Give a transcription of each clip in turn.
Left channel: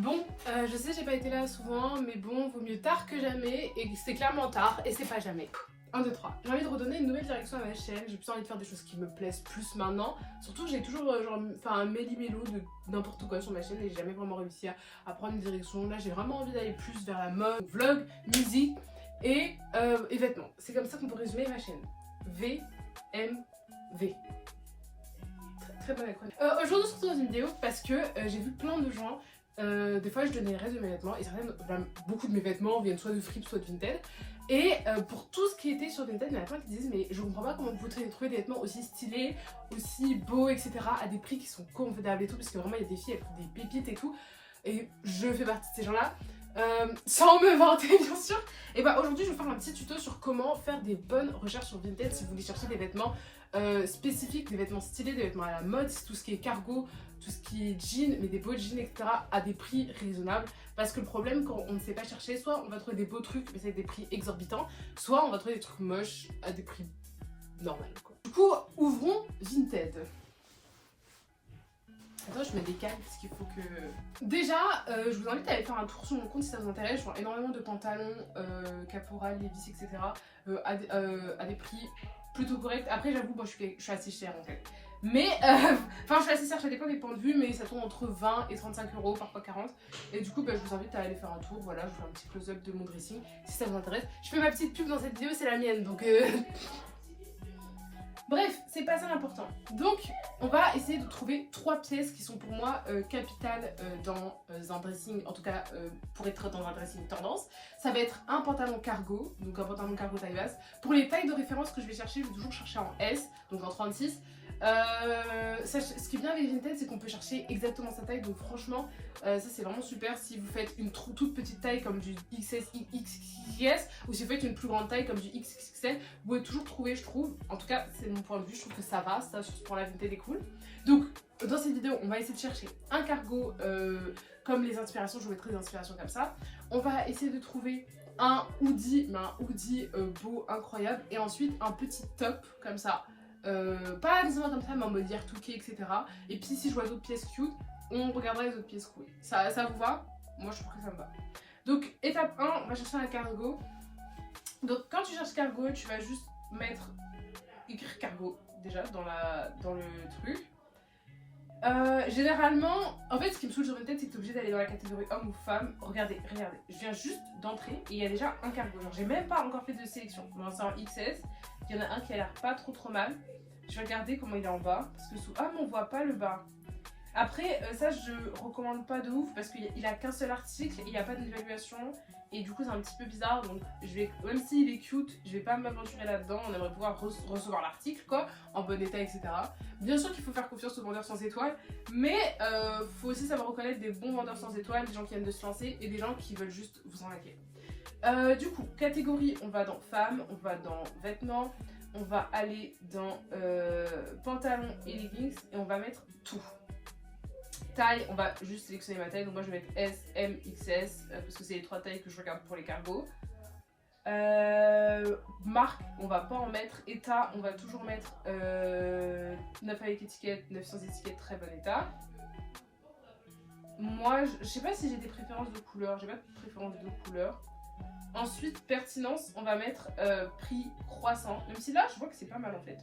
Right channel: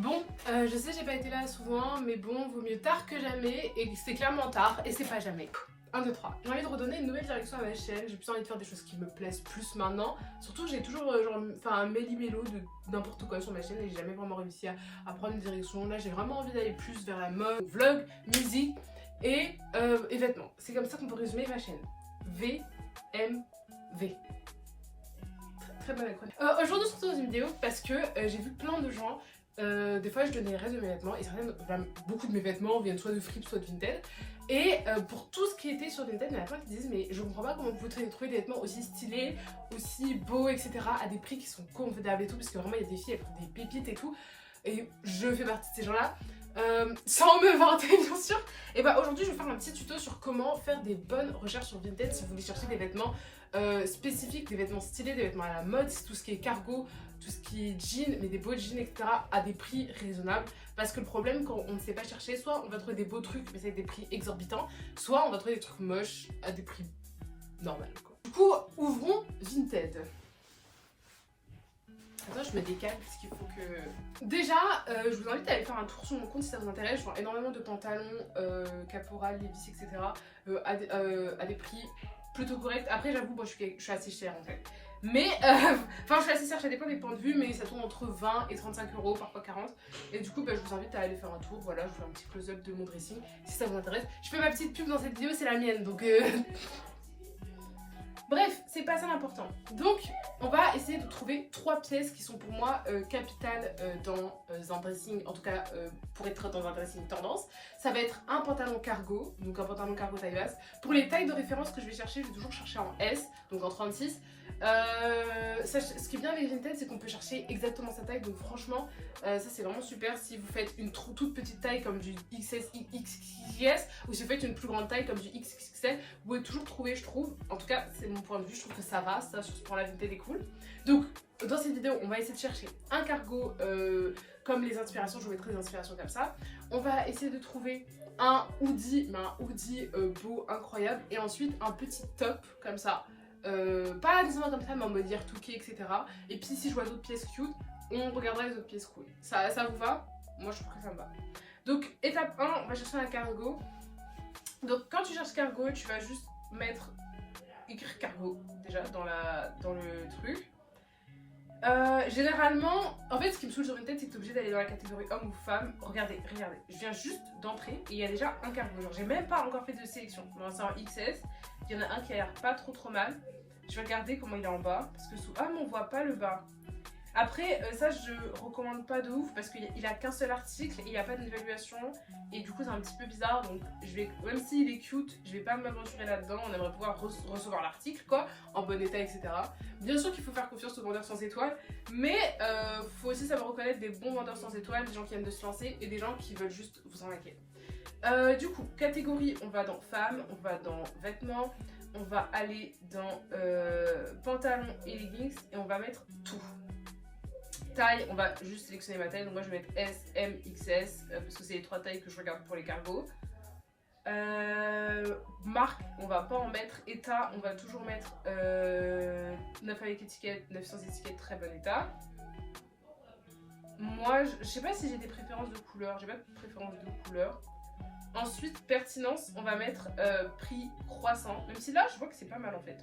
Bon, je sais j'ai pas été là souvent, mais bon, vaut mieux tard que jamais, et c'est clairement tard, et c'est pas jamais. 1, 2, 3. J'ai envie de redonner une nouvelle direction à ma chaîne, j'ai plus envie de faire des choses qui me plaisent plus maintenant. Surtout j'ai toujours un méli-mélo de n'importe quoi sur ma chaîne et j'ai jamais vraiment réussi à prendre une direction. Là j'ai vraiment envie d'aller plus vers la mode, vlog, musique et vêtements. C'est comme ça qu'on peut résumer ma chaîne. VMV. Très bonne acronyme. Aujourd'hui on se retrouve dans une vidéo parce que j'ai vu plein de gens. Des fois je donnais les restes de mes vêtements et beaucoup de mes vêtements viennent soit de Fripp soit de Vinted. Et pour tout ce qui était sur Vinted, il y en a plein qui disent mais je comprends pas comment vous pouvez trouver des vêtements aussi stylés, aussi beaux, etc. à des prix qui sont convenables et tout, parce que vraiment il y a des filles, elles font des pépites et tout. Et je fais partie de ces gens-là. Sans me vanter bien sûr. Et bah aujourd'hui je vais faire un petit tuto sur comment faire des bonnes recherches sur Vinted si vous voulez chercher des vêtements spécifiques, des vêtements stylés, des vêtements à la mode, tout ce qui est cargo, tout ce qui est jean, mais des beaux jeans, etc. à des prix raisonnables. Parce que le problème quand on ne sait pas chercher, soit on va trouver des beaux trucs mais c'est des prix exorbitants, soit on va trouver des trucs moches à des prix normaux quoi. Du coup ouvrons Vinted. Attends, je me décale parce qu'il faut que... Déjà, je vous invite à aller faire un tour sur mon compte si ça vous intéresse. Je vends énormément de pantalons, Caporal, Levi's, etc. À des prix plutôt corrects. Après, j'avoue, moi, je suis assez chère en fait. Mais, enfin, je suis assez chère, ça dépend des points de vue, mais ça tourne entre 20 et 35 euros, parfois 40. Et du coup, je vous invite à aller faire un tour. Voilà, je vous fais un petit close-up de mon dressing si ça vous intéresse. Je fais ma petite pub dans cette vidéo, c'est la mienne, donc... Bref, c'est pas ça l'important. Donc, on va essayer de trouver 3 pièces qui sont pour moi capitales dans un dressing, en tout cas pour être dans un dressing tendance. Ça va être un pantalon cargo, donc un pantalon cargo taille basse. Pour les tailles de référence que je vais chercher, je vais toujours chercher en S, donc en 36. Ce qui est bien avec Vinted, c'est qu'on peut chercher exactement sa taille, donc franchement, ça c'est vraiment super si vous faites une toute petite taille comme du XS, XS, ou si vous faites une plus grande taille comme du XXL, vous pouvez toujours trouver, je trouve. En tout cas, c'est mon point de vue, je trouve que ça va, ça pour la Vinted est cool. Donc, dans cette vidéo, on va essayer de chercher un cargo comme les inspirations, je vous mettrai des inspirations comme ça. On va essayer de trouver un hoodie, mais un hoodie beau, incroyable, et ensuite un petit top comme ça. Pas nécessairement comme ça, mais en mode yartouké, etc. Et puis si je vois d'autres pièces cute, on regardera les autres pièces cool. Ça vous va? Moi je trouve que ça me va. Donc étape 1, on va chercher un cargo. Donc quand tu cherches cargo, tu vas juste écrire cargo déjà dans le truc. Généralement, en fait ce qui me saoule sur une tête, c'est que tu es obligé d'aller dans la catégorie homme ou femme. Regardez, je viens juste d'entrer et il y a déjà un cargo. Genre j'ai même pas encore fait de sélection. Bon, c'est en XS, il y en a un qui a l'air pas trop mal. Je vais regarder comment il est en bas parce que sous... Ah mais on voit pas le bas. Après ça je recommande pas de ouf parce qu'il a qu'un seul article et il n'y a pas d'évaluation et du coup c'est un petit peu bizarre, donc je vais, même s'il est cute, je vais pas m'aventurer là-dedans. On aimerait pouvoir recevoir l'article quoi, en bon état, etc. Bien sûr qu'il faut faire confiance aux vendeurs sans étoiles, mais faut aussi savoir reconnaître des bons vendeurs sans étoiles, des gens qui viennent de se lancer et des gens qui veulent juste vous arnaquer. Du coup, catégorie, on va dans femmes, on va dans vêtements, on va aller dans pantalons et leggings et on va mettre tout. Taille, on va juste sélectionner ma taille, donc moi je vais mettre S, M, XS parce que c'est les 3 tailles que je regarde pour les cargos. Marque, on va pas en mettre. État, on va toujours mettre 9 avec étiquette, 9 sans étiquette, très bon état. Moi, je sais pas si j'ai des préférences de couleur, j'ai pas de préférence de couleur. Ensuite, pertinence, on va mettre prix croissant, même si là je vois que c'est pas mal en fait.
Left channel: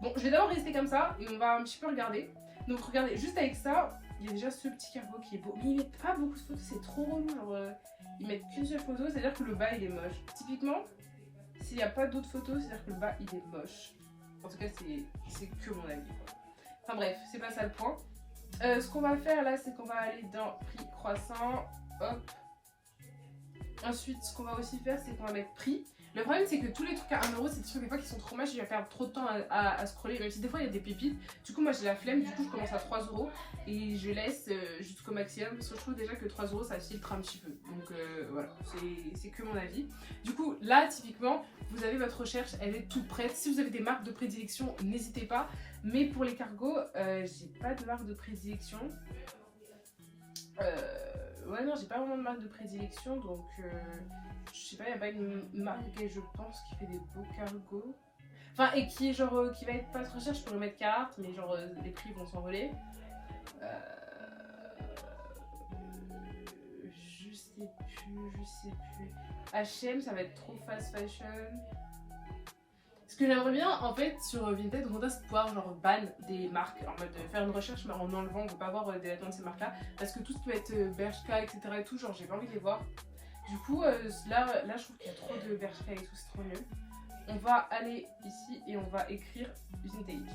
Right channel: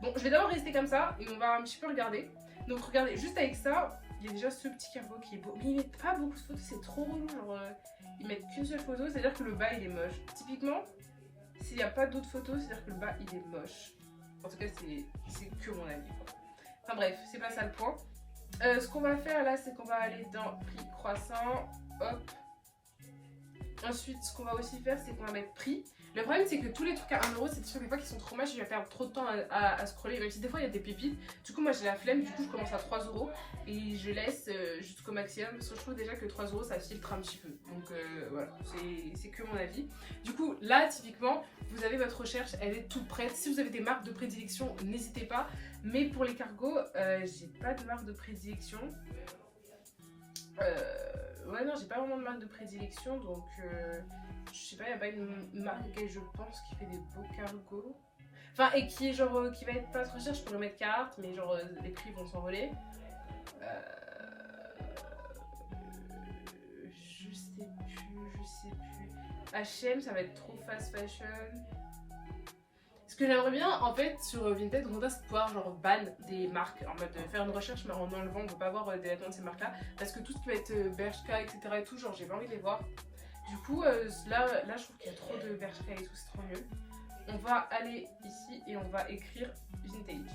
Bon, je vais d'abord rester comme ça et on va un petit peu regarder. Donc regardez, juste avec ça, il y a déjà ce petit cargo qui est beau. Mais ils mettent pas beaucoup de photos, c'est trop relou. Genre, ils mettent qu'une seule photo, c'est-à-dire que le bas il est moche. Typiquement, s'il n'y a pas d'autres photos, c'est-à-dire que le bas il est moche. En tout cas, c'est que mon avis quoi. Enfin bref, c'est pas ça le point. Ce qu'on va faire là, c'est qu'on va aller dans prix croissant. Hop. Ensuite, ce qu'on va aussi faire, c'est qu'on va mettre prix. Le problème, c'est que tous les trucs à 1€, c'est des trucs des fois qui sont trop moches, je vais perdre trop de temps à scroller. Même si des fois il y a des pépites. Du coup, moi j'ai la flemme, du coup, je commence à 3€ et je laisse jusqu'au maximum parce que je trouve déjà que 3€ ça filtre un petit peu. Donc voilà, c'est que mon avis. Du coup, là, typiquement, vous avez votre recherche, elle est toute prête. Si vous avez des marques de prédilection, n'hésitez pas. Mais pour les cargos, j'ai pas de marque de prédilection. Ouais, non, j'ai pas vraiment de marque de prédilection, donc je sais pas, il n'y a pas une marque auquel je pense qui fait des beaux cargos. Enfin, et qui est genre, qui va être pas trop cher, je pourrais mettre carte, mais genre les prix vont s'envoler. je sais plus. H&M, ça va être trop fast fashion. Ce que j'aimerais bien en fait sur Vinted, on a c'est pouvoir genre ban des marques, en mode de faire une recherche mais en enlevant, on ne veut pas voir des vêtements de ces marques là, parce que tout ce qui va être Bershka etc et tout, genre j'ai pas envie de les voir. Du coup là je trouve qu'il y a trop de Bershka et tout, c'est trop nul. On va aller ici et on va écrire vintage.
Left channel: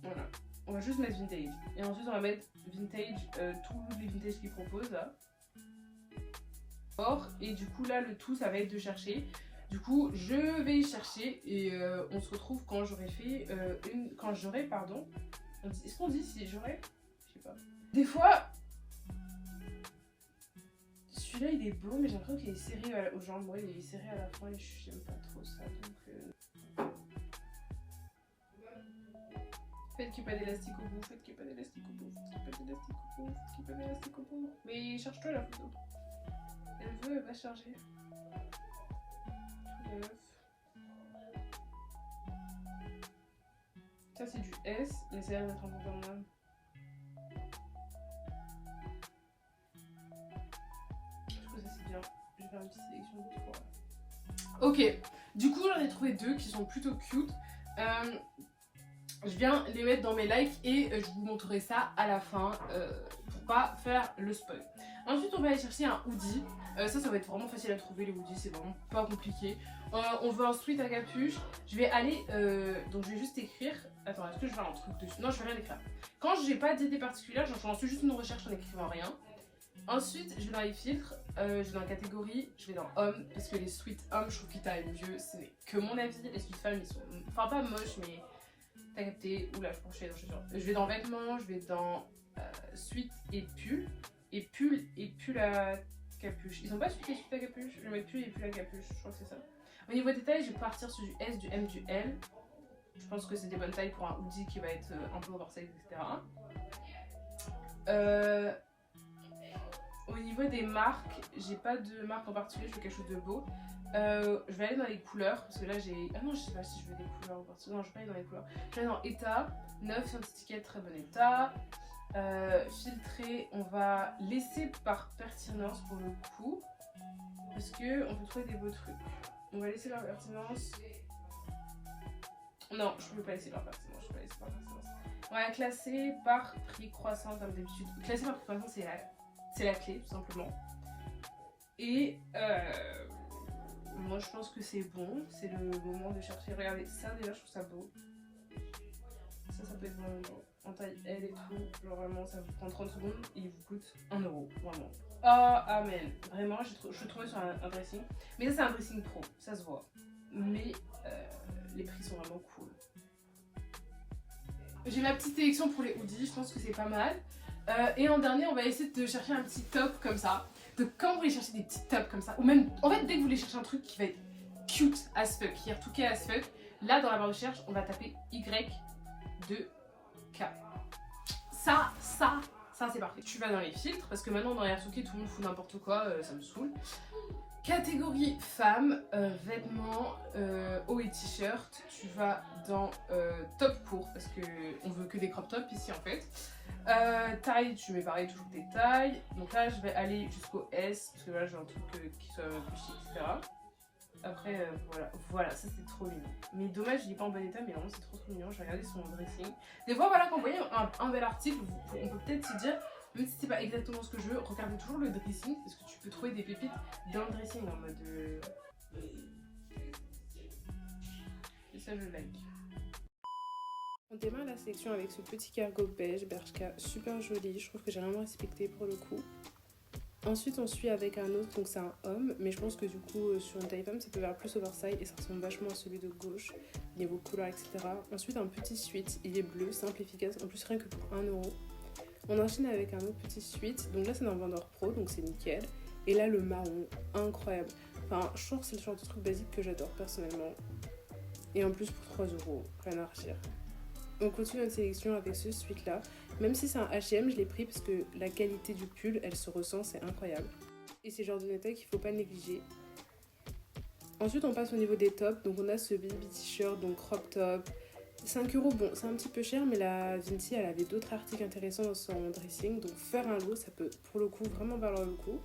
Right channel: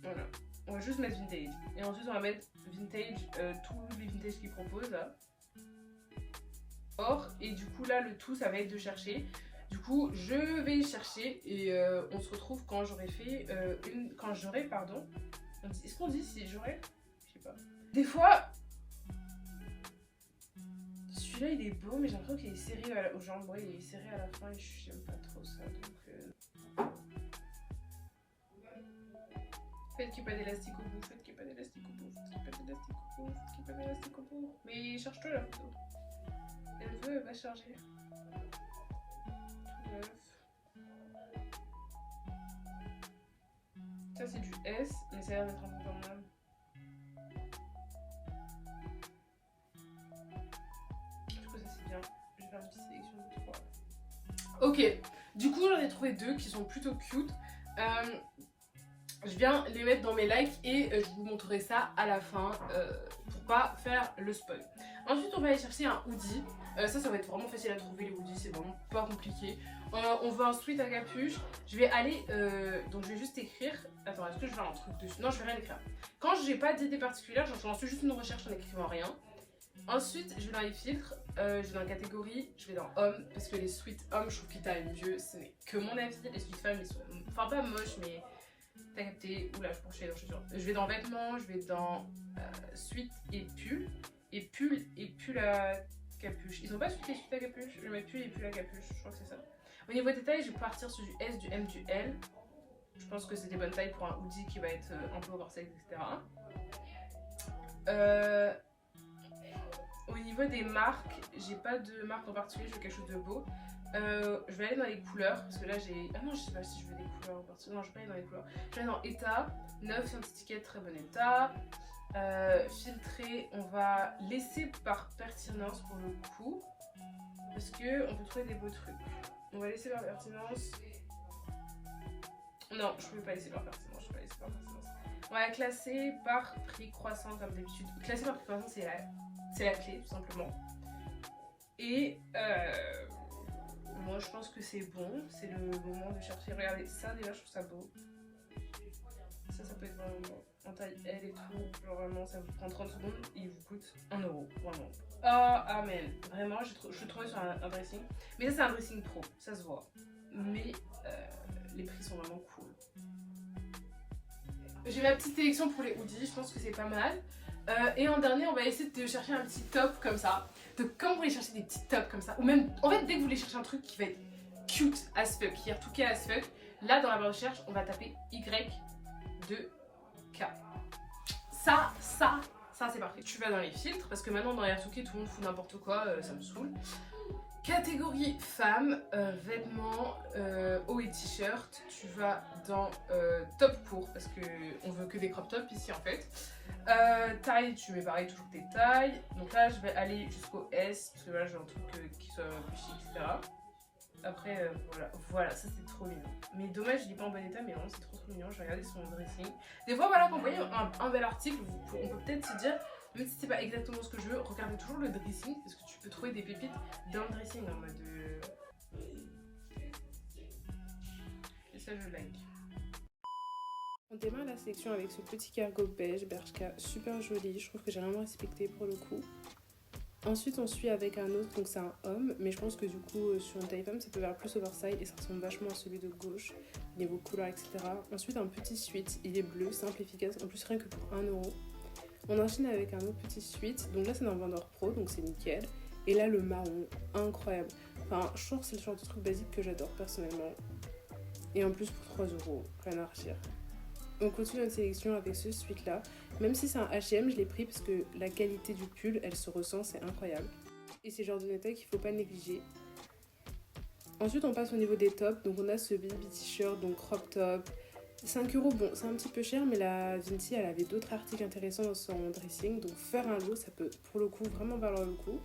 Voilà, on va juste mettre vintage et ensuite on va mettre vintage, tous les vintages qu'ils proposent là. Et du coup là le tout ça va être de chercher. Du coup je vais chercher et on se retrouve quand j'aurai fait quand j'aurai pardon. Est-ce qu'on dit si j'aurai? Je sais pas. Des fois celui-là il est beau mais j'ai l'impression qu'il est serré aux jambes. Ouais, il est serré à la fin et j'aime pas trop ça donc faites qu'il n'y ait pas d'élastique au bout, faites qu'il n'y ait pas d'élastique au bout, faites qu'il n'y ait pas d'élastique au bout, faites qu'il n'y ait pas d'élastique au bout. Mais cherche-toi la photo. Elle va charger. Ça c'est du S, mais ça a l'air d'être un peu comme moi. Du coup ça c'est bien. Je vais faire une petite sélection de 3. Ok, du coup j'en ai trouvé 2 qui sont plutôt cute. Je viens les mettre dans mes likes et je vous montrerai ça à la fin pour pas faire le spoil. Ensuite on va aller chercher un hoodie. Ça va être vraiment facile à trouver les hoodies, c'est vraiment pas compliqué. On veut un sweat à capuche. Je vais aller, donc je vais juste écrire. Attends, est-ce que je vais faire un truc dessus? Non, je vais rien écrire. Quand j'ai pas d'idée particulière, je lance juste une recherche en écrivant rien. Ensuite, je vais dans les filtres, je vais dans la catégorie, je vais dans hommes, parce que les sweats hommes, je trouve qu'ils taillent mieux. Ce n'est que mon avis. Les sweats femmes, ils sont, enfin pas moches, mais t'as capté. Oula, je pense que je vais dans chaussures. Je vais dans vêtements, je vais dans sweat et pull. Et pull à capuche. Ils ont pas expliqué suite à capuche. Je vais mettre pull et pull à capuche. Je crois que c'est ça. Au niveau des tailles, je vais partir sur du S, du M, du L. Je pense que c'est des bonnes tailles pour un hoodie qui va être un peu oversize, etc. Au niveau des marques, j'ai pas de marque en particulier. Je veux quelque chose de beau. Je vais aller dans les couleurs parce que là j'ai. Ah non, je sais pas si je veux des couleurs en particulier. Non, je vais pas aller dans les couleurs. Je vais aller dans état. Neuf, c'est une étiquette, très bon état. Filtrer, on va laisser par pertinence pour le coup parce que on peut trouver des beaux trucs. On va laisser par pertinence. Non, je peux pas laisser par pertinence. Je peux pas laisser par pertinence. On va classer par prix croissant comme d'habitude. Classer par prix croissant, c'est la clé tout simplement. Et moi je pense que c'est bon. C'est le moment de chercher. Regardez ça déjà, je trouve ça beau. Ça peut être vraiment beau. En taille L et tout, genre vraiment ça vous prend 30 secondes et il vous coûte 1 €, vraiment. Oh amen, vraiment je le trouvais sur un dressing, mais ça c'est un dressing pro, ça se voit, mais les prix sont vraiment cool. J'ai ma petite sélection pour les hoodies, je pense que c'est pas mal. Et en dernier on va essayer de chercher un petit top comme ça. Donc quand vous voulez chercher des petits tops comme ça, ou même en fait dès que vous voulez chercher un truc qui va être cute as fuck, qui est retouché as fuck, là dans la barre de recherche on va taper Y2K. Ça c'est parfait. Tu vas dans les filtres parce que maintenant dans Airtooké tout le monde fout n'importe quoi, ça me saoule. Catégorie femmes, vêtements, haut et t-shirt. Tu vas dans top court parce que on veut que des crop tops ici en fait. Taille, tu mets pareil toujours tes tailles. Donc là je vais aller jusqu'au S parce que là j'ai un truc qui soit plus chic, etc. Après voilà, ça c'est trop mignon. Mais dommage il est pas en bon état, mais vraiment c'est trop mignon. Je vais regarder son dressing. Des fois voilà, quand vous voyez un bel article, on peut peut-être se dire, même si c'est pas exactement ce que je veux, regardez toujours le dressing parce que tu peux trouver des pépites dans le dressing en mode et ça je like. On démarre la sélection avec ce petit cargo beige Bershka, super joli, je trouve que j'ai vraiment respecté pour le coup. Ensuite on suit avec un autre, donc c'est un homme, mais je pense que du coup sur une taille femme ça peut faire plus oversize et ça ressemble vachement à celui de gauche, niveau couleur etc. Ensuite un petit sweat, il est bleu, simple, efficace, en plus rien que pour 1 €. On enchaîne avec un autre petit sweat, donc là c'est dans le vendeur pro, donc c'est nickel. Et là le marron, incroyable. Enfin je trouve que c'est le genre de truc basique que j'adore personnellement. Et en plus pour 3 €, rien à redire. On continue notre sélection avec ce sweat là. Même si c'est un H&M, je l'ai pris parce que la qualité du pull, elle se ressent, c'est incroyable. Et c'est le genre de détail qu'il ne faut pas négliger. Ensuite, on passe au niveau des tops. Donc on a ce baby t-shirt, donc crop top, 5 euros, bon, c'est un petit peu cher, mais la Vinci, elle avait d'autres articles intéressants dans son dressing. Donc faire un lot, ça peut pour le coup vraiment valoir le coup.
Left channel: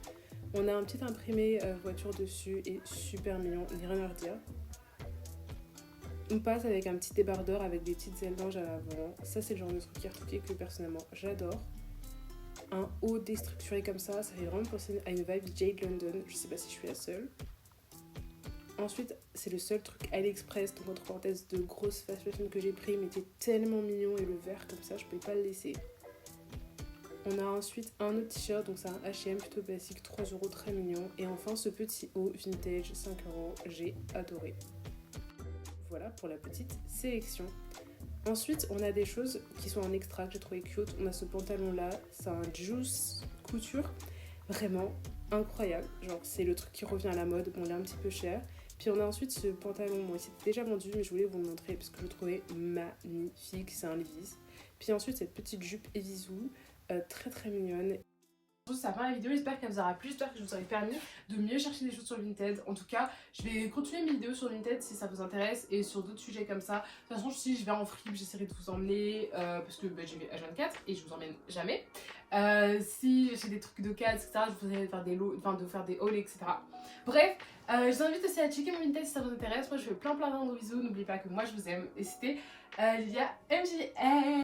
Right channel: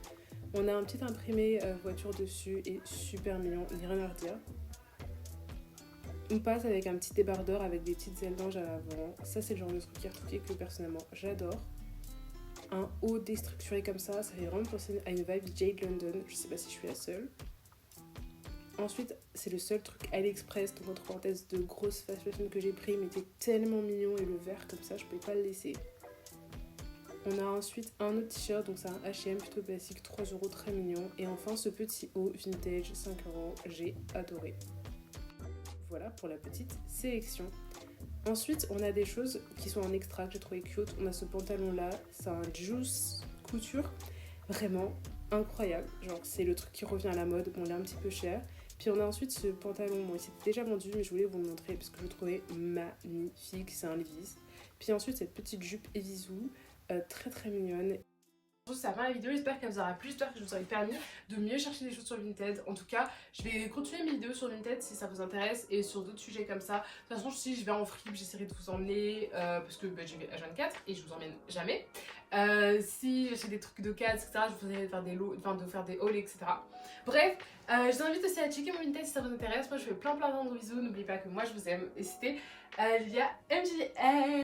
On a un petit imprimé voiture dessus et super mignon, ni rien à redire. On passe avec un petit débardeur avec des petites ailes d'ange à l'avant. Ça, c'est le genre de truc qui est retouché que personnellement j'adore. Un haut déstructuré comme ça fait vraiment penser à une vibe Jade London. Je sais pas si je suis la seule. Ensuite, c'est le seul truc AliExpress, donc entre parenthèses, de grosse fast fashion que j'ai pris, mais était tellement mignon et le vert comme ça, je pouvais pas le laisser. On a ensuite un autre t-shirt, donc c'est un H&M plutôt basique, 3 euros, très mignon. Et enfin, ce petit haut vintage, 5 euros, j'ai adoré. Voilà pour la petite sélection. Ensuite, on a des choses qui sont en extra que j'ai trouvé cute. On a ce pantalon-là, c'est un Juice couture, vraiment incroyable. Genre, c'est le truc qui revient à la mode. Bon, il est un petit peu cher. Puis on a ensuite ce pantalon, bon, il s'était déjà vendu, mais je voulais vous le montrer parce que je le trouvais magnifique. C'est un Levi's. Puis ensuite, cette petite jupe Evisu, très très mignonne. Ça va la vidéo, j'espère qu'elle vous aura plu, j'espère que je vous aurai permis de mieux chercher des choses sur Vinted. En tout cas, je vais continuer mes vidéos sur Vinted si ça vous intéresse et sur d'autres sujets comme ça. De toute façon, si je vais en free, j'essaierai de vous emmener parce que j'y vais H24 et je vous emmène jamais. Si j'ai des trucs d'occasion, etc., je vous allez faire des lots, enfin de faire des hauls, etc. Bref, je vous invite aussi à checker mon Vinted si ça vous intéresse. Moi, je fais plein de gros bisous. N'oubliez pas que moi, je vous aime. Et c'était Lia MJN.